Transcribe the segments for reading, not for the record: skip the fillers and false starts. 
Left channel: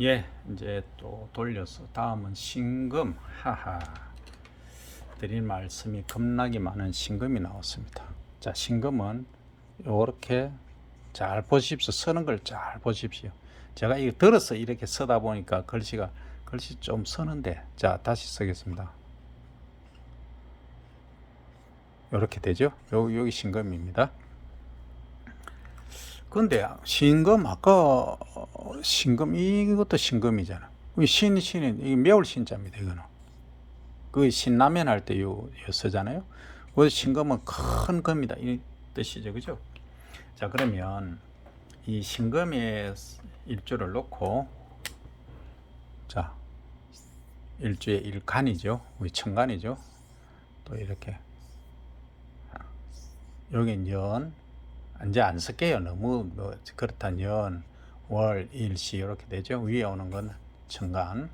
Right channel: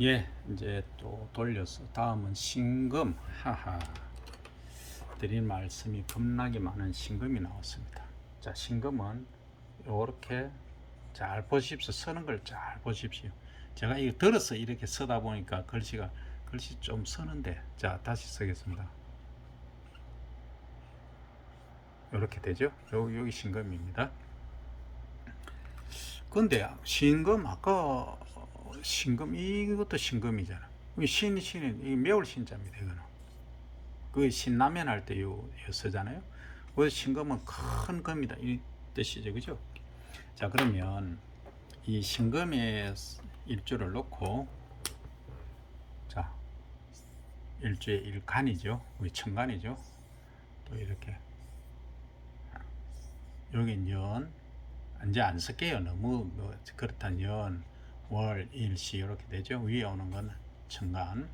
예, 이제 또 돌려서 다음은 신금. 하하. 드린 말씀이 겁나게 많은 신금이 나왔습니다. 자, 신금은 이렇게 잘 보십시오. 쓰는 걸 잘 보십시오. 제가 이거 들어서 이렇게 쓰다 보니까 글씨 좀 쓰는데, 자, 다시 쓰겠습니다. 이렇게 되죠? 여기 신금입니다. 근데 신금 아까 신금 이것도 신금이잖아. 신은 이 매울 신자입니다. 이거는 그 신라면 할 때 요 쓰잖아요. 그 신금은 큰 금이다 이 뜻이죠, 그죠? 자, 그러면 이 신금의 일주를 놓고, 자, 일주의 일간이죠, 우리 천간이죠. 또 이렇게 여긴 연, 이제 안 쓸게요. 너무 뭐 그렇단 연, 월, 일, 시 이렇게 되죠. 위에 오는 건 천간,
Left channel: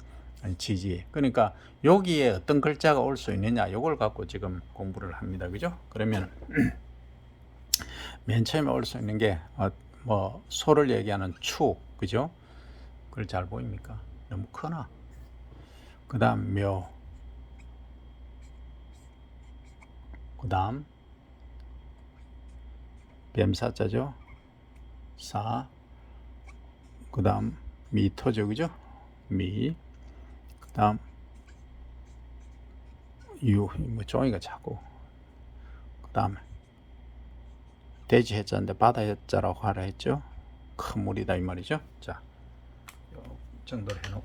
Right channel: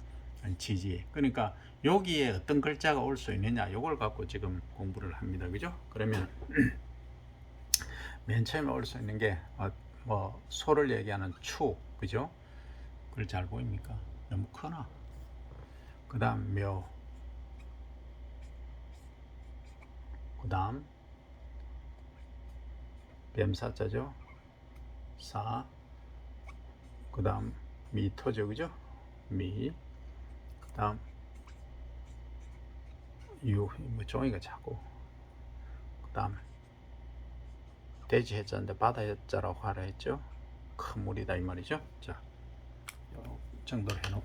지지. 그러니까 여기에 어떤 글자가 올 수 있느냐, 요걸 갖고 지금 공부를 합니다. 그죠? 그러면 맨 처음에 올 수 있는 게 뭐 소를 얘기하는 추, 그죠? 그걸 잘 보입니까? 너무 크나? 그 다음 묘, 그 다음 뱀사자죠. 사, 그 다음 미토죠, 그죠? 미, 그 다음 유, 뭐 종이가 자꾸, 그 다음 돼지 해자인데 바다 해자라고 하라 했죠. 큰 물이다 이 말이죠. 자, 요 정도로 해놓고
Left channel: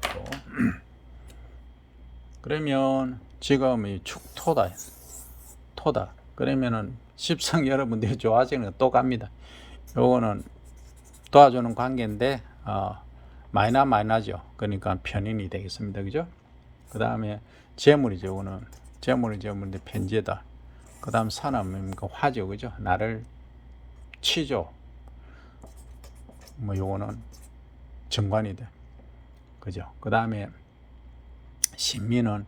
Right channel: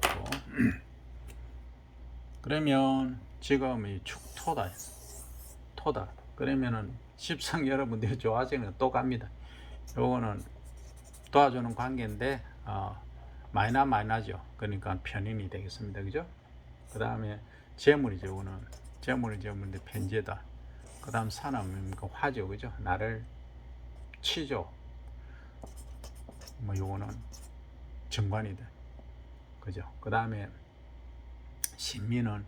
그러면 지금 이 축토다, 토다. 그러면은 십성 여러분들이 좋아하시는 거 또 갑니다. 요거는 도와주는 관계인데 마이너죠. 그러니까 편인이 되겠습니다. 그죠? 그 다음에 재물이죠. 요거는 재물인데 편재다. 그 다음 산은 뭡니까? 화죠. 그죠? 나를 치죠. 뭐 요거는 정관이 돼. 그죠? 그 다음에 신민은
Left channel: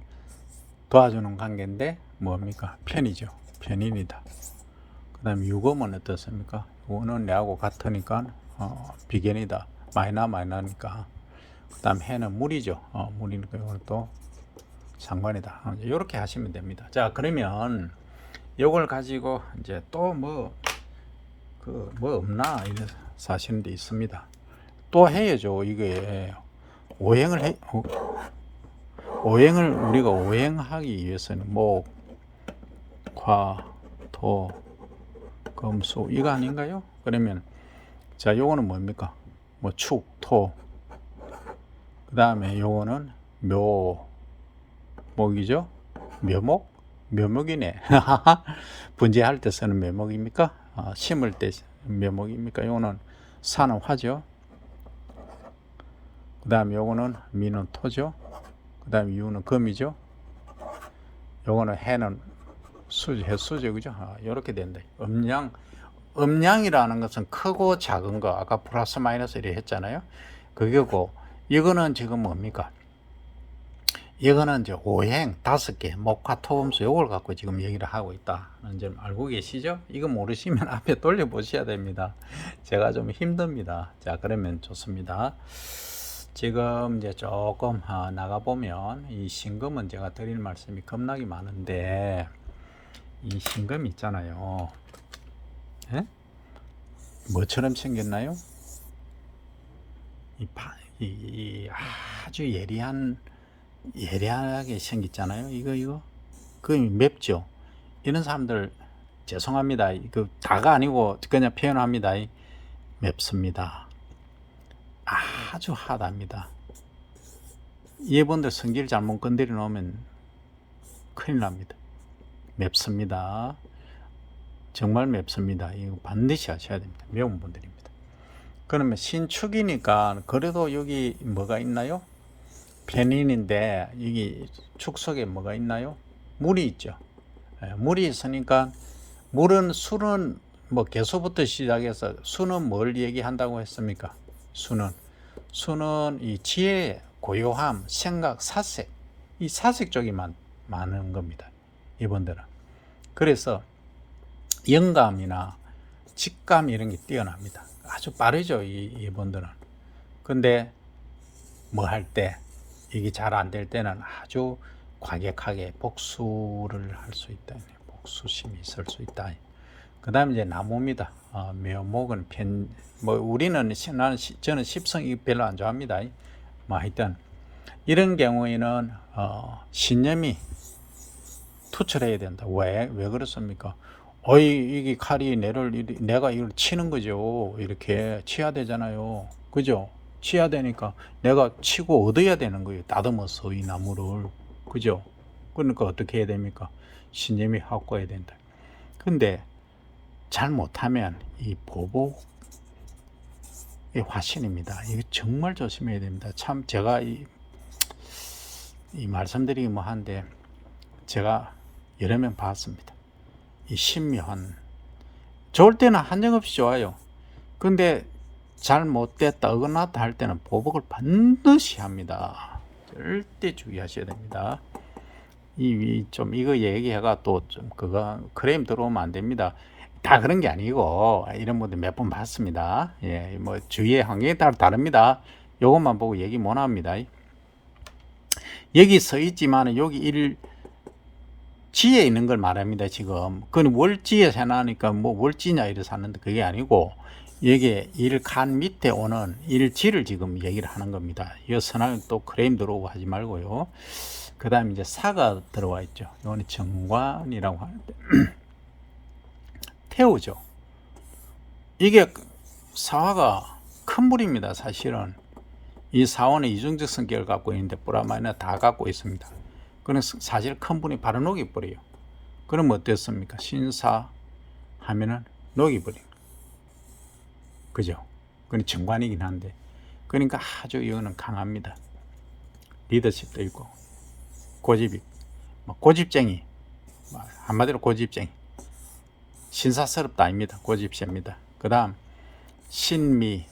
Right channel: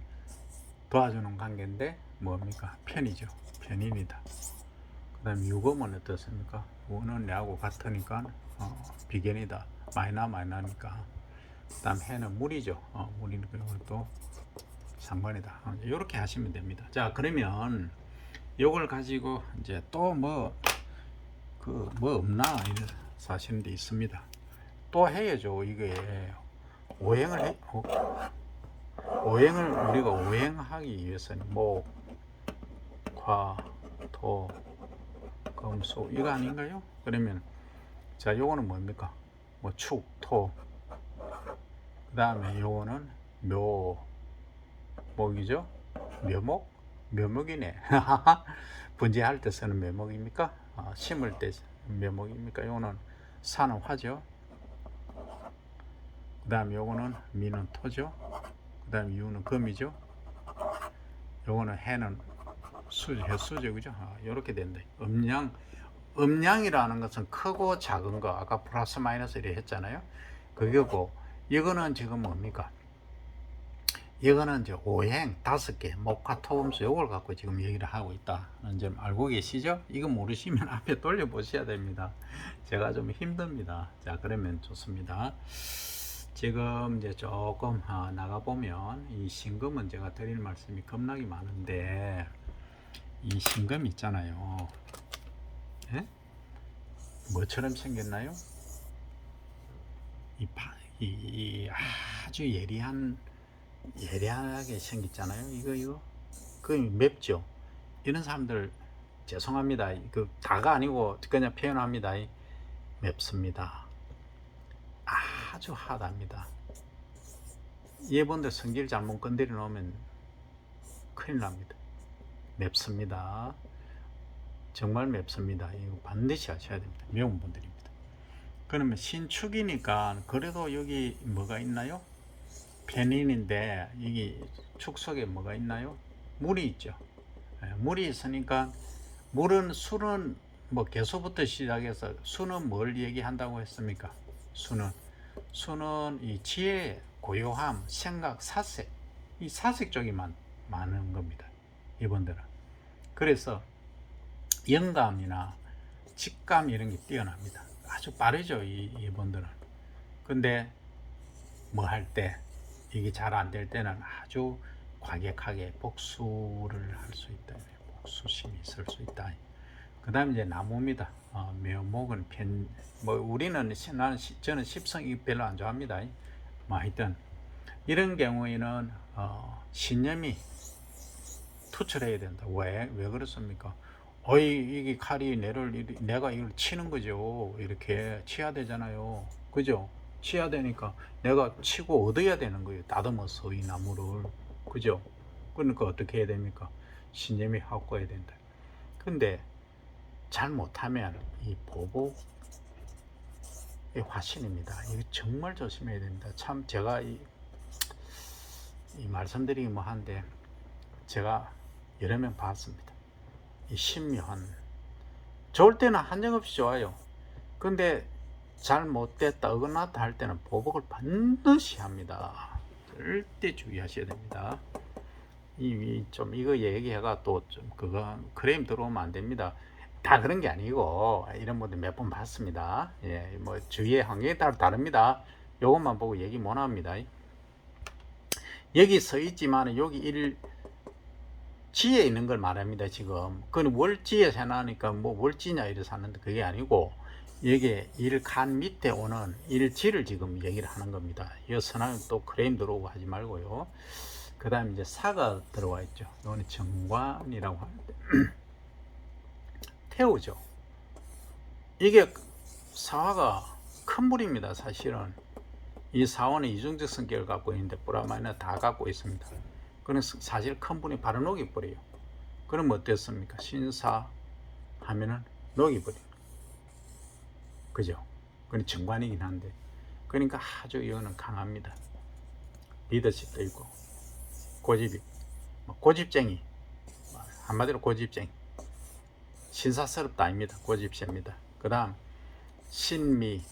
도와주는 관계인데 뭡니까? 편이죠. 편인이다. 그 다음에 유금은 어떻습니까? 우는 내하고 같으니까 비견이다. 마이너니까. 그 다음 해는 물이죠. 물이니까 이것도 상관이다. 이렇게 하시면 됩니다. 자, 그러면 이걸 가지고 이제 또 뭐 없나 이게 사시는 데 있습니다. 또 해야죠. 이게 오행을 해. 오행을 우리가 오행하기 위해서는 목, 화, 토, 금, 수 이거 아닌가요? 그러면 자, 요거는 뭡니까? 뭐 축, 토. 그 다음에 요거는 묘, 목이죠. 묘목, 묘목이네. 분재할 때 쓰는 묘목입니까? 심을 때 묘목입니까? 요거는 산은 화죠. 그 다음에 요거는 미는 토죠. 그 다음에 유는 금이죠. 요거는 해는 수죠, 해수죠, 그죠? 이렇게 된다. 음양이라는 것은 크고 작은 거, 아까 플러스 마이너스 이렇게 했잖아요. 그게고, 이거는 지금 뭡니까? 이거는 이제 오행 5개, 목화 토금수 요걸 갖고 지금 얘기를 하고 있다는 점 알고 계시죠? 이거 모르시면 앞에 돌려 보셔야 됩니다. 제가 좀 힘듭니다. 자, 그러면 좋습니다. 지금 이제 조금 나가 보면 이 신금은 제가 드릴 말씀이 겁나게 많은데, 이 신금 있잖아요. 예? 뭐처럼 생겼나요? 이 아주 예리하게 생겼잖아요. 이거 그 맵죠. 이런 사람들 죄송합니다. 그 다가 아니고 그냥 표현합니다. 맵습니다. 아주 하답니다. 이분들 성질 잘못 건드려 놓으면 큰일 납니다. 맵습니다. 정말 맵습니다. 이거 반드시 하셔야 됩니다. 매운 분들입니다. 그러면 신축이니까 그래도 여기 뭐가 있나요? 편인인데 여기 축 속에 뭐가 있나요? 물이 있죠. 물이 있으니까 술은 뭐 개수부터 시작해서 수는 뭘 얘기한다고 했습니까? 수는 이 지혜, 고요함, 생각, 사색, 이 사색 쪽이 많은 겁니다. 이분들은. 그래서 영감이나 직감 이런 게 뛰어납니다. 아주 빠르죠, 이분들은. 근데 뭐 할 때 이게 잘 안 될 때는 아주 과격하게 복수를 할 수 있다. 복수심이 있을 수 있다. 그 다음에 이제 나무입니다. 묘목은 뭐 우리는 저는 십성이 별로 안 좋아합니다. 뭐 하여튼 이런 경우에는 신념이 투철해야 된다. 왜 그렇습니까? 이게 칼이 내가 이걸 치는 거죠. 이렇게 치야 되잖아요. 그죠? 치야 되니까 내가 치고 얻어야 되는 거예요. 다듬어서 이 나무를. 그죠? 그러니까 어떻게 해야 됩니까? 신념이 확고해야 된다. 근데 잘 못하면 이 보복의 화신입니다. 이거 정말 조심해야 됩니다. 참 제가 이 말씀드리기 뭐 한데 제가 여러 명 봤습니다. 이 신묘한 좋을 때는 한정없이 좋아요. 근데 잘못됐다 어긋났다 할 때는 보복을 반드시 합니다. 절대 주의하셔야 됩니다. 이거 얘기해가 또 좀 그거 크레임 들어오면 안 됩니다. 다 그런 게 아니고 이런 분들 몇 번 봤습니다. 예, 뭐 주의의 환경에 따라 다릅니다. 요것만 보고 얘기 못 합니다. 여기 서 있지만 여기 지에 있는 걸 말합니다. 지금 그건 월지에 해놔니까 뭐 월지냐 이래서 하는데 그게 아니고 여기에 일칸 밑에 오는 일지를 지금 얘기를 하는 겁니다. 이 선하면 또 크레임 들어오고 하지 말고요. 그 다음에 이제 사가 들어와 있죠. 이거는 정관이라고 하는데 태우죠. 이게 사화가 큰 불입니다. 사실은 이 사원은 이중적 성격을 갖고 있는데 뿌라마이나 다 갖고 있습니다. 그는 사실 큰 분이 바로 녹이버려요. 그러면 어땠습니까? 신사 하면은 녹이버려요. 그죠? 그건 정관이긴 한데 그러니까 아주 이거는 강합니다. 리더십도 있고 고집이 고집쟁이 한마디로 고집쟁이 신사스럽다 아닙니다. 고집세입니다. 그 다음 신미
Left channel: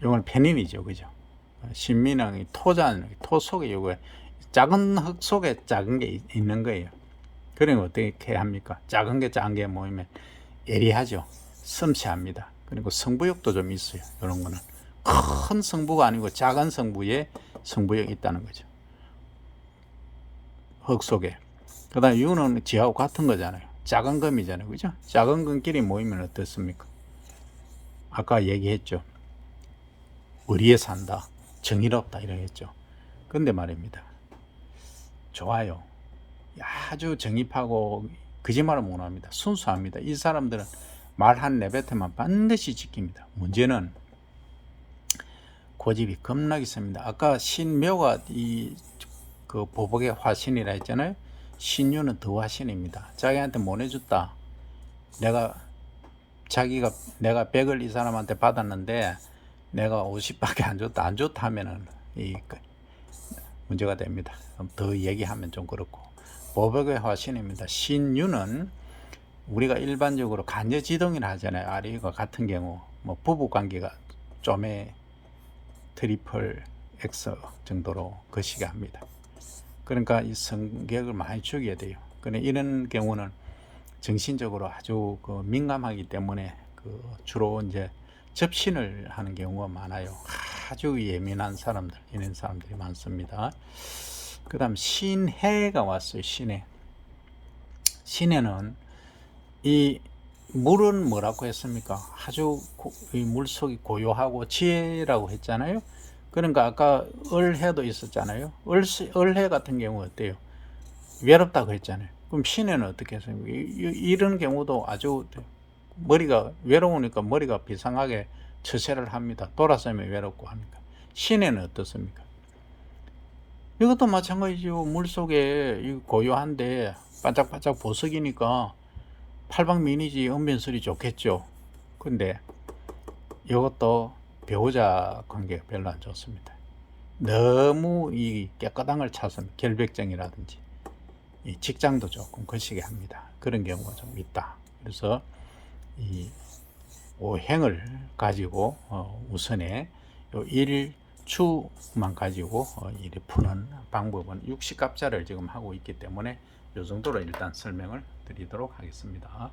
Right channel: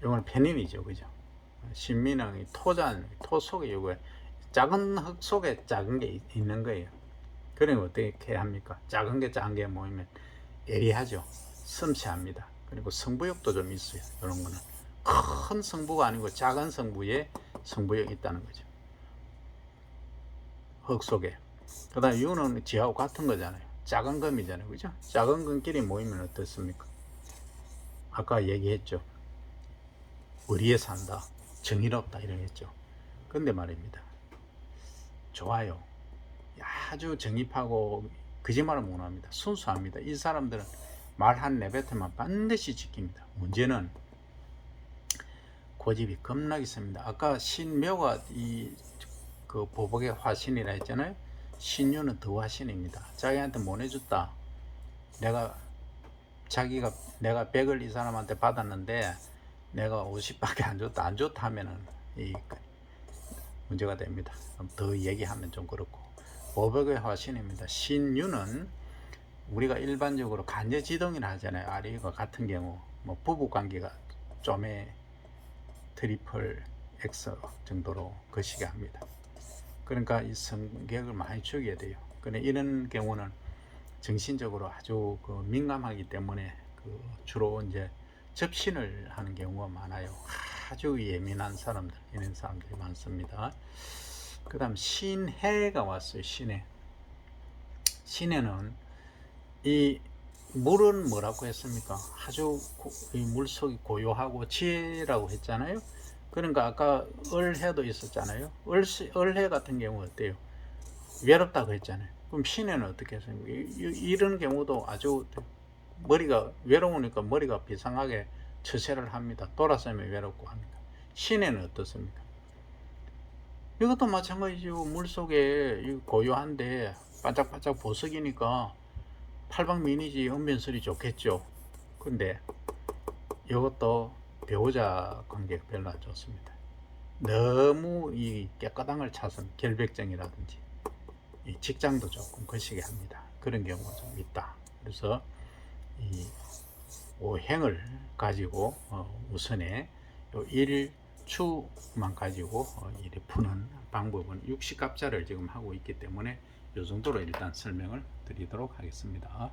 이건 편인이죠. 그죠? 신미는 토 속에 요거 작은 흙 속에 작은 게 있는 거예요. 그러면 어떻게 합니까? 작은 게 모이면 예리하죠. 섬세합니다. 그리고 승부욕도 좀 있어요. 이런 거는 큰 승부가 아니고 작은 승부에 승부욕이 있다는 거죠. 흙 속에. 그 다음에 이거는 지하고 같은 거잖아요. 작은 금이잖아요. 그죠? 작은 금끼리 모이면 어떻습니까? 아까 얘기했죠. 의리에 산다. 정의롭다. 이러겠죠. 근데 말입니다. 좋아요. 아주 정립하고 거짓말을 못합니다. 순수합니다. 이 사람들은 말 한 내뱉으면 반드시 지킵니다. 문제는 고집이 겁나게 셉니다. 아까 신묘가 그 보복의 화신이라 했잖아요. 신유는 더 화신입니다. 자기한테 못 해줬다. 내가 100을 이 사람한테 받았는데 내가 50밖에 안 좋다 하면은 문제가 됩니다. 더 얘기하면 좀 그렇고 보복의 화신입니다. 신유는 우리가 일반적으로 간여지동이라 하잖아요. 아리과 같은 경우 뭐 부부관계가 좀의 트리플 X 정도로 거시게 합니다. 그러니까 이 성격을 많이 죽여야 돼요. 그런데 이런 경우는 정신적으로 아주 민감하기 때문에 주로 이제 접신을 하는 경우가 많아요. 아주 예민한 사람들, 이런 사람들이 많습니다. 그 다음 신해가 왔어요. 신해는 이 물은 뭐라고 했습니까? 아주 이 물속이 고요하고 지혜라고 했잖아요. 그러니까 아까 을해도 있었잖아요. 을해 같은 경우 어때요? 외롭다고 했잖아요. 그럼 신해는 어떻게 했습니까? 이런 경우도 아주 머리가 외로우니까 머리가 비상하게 처세를 합니다. 돌아서면 외롭고 하니까. 신해는 어떻습니까? 이것도 마찬가지죠. 물속에 고요한데 반짝반짝 보석이니까 팔방미인이지 언변술이 좋겠죠. 근데 이것도 배우자 관계가 별로 안 좋습니다. 너무 이 깨끗한 걸 찾으면 결백증이라든지 이 직장도 조금 거시게 합니다. 그런 경우가 좀 있다. 그래서 이 오행을 가지고 우선에 일추만 가지고 이리 푸는 방법은 육식갑자를 지금 하고 있기 때문에 이 정도로 일단 설명을 드리도록 하겠습니다.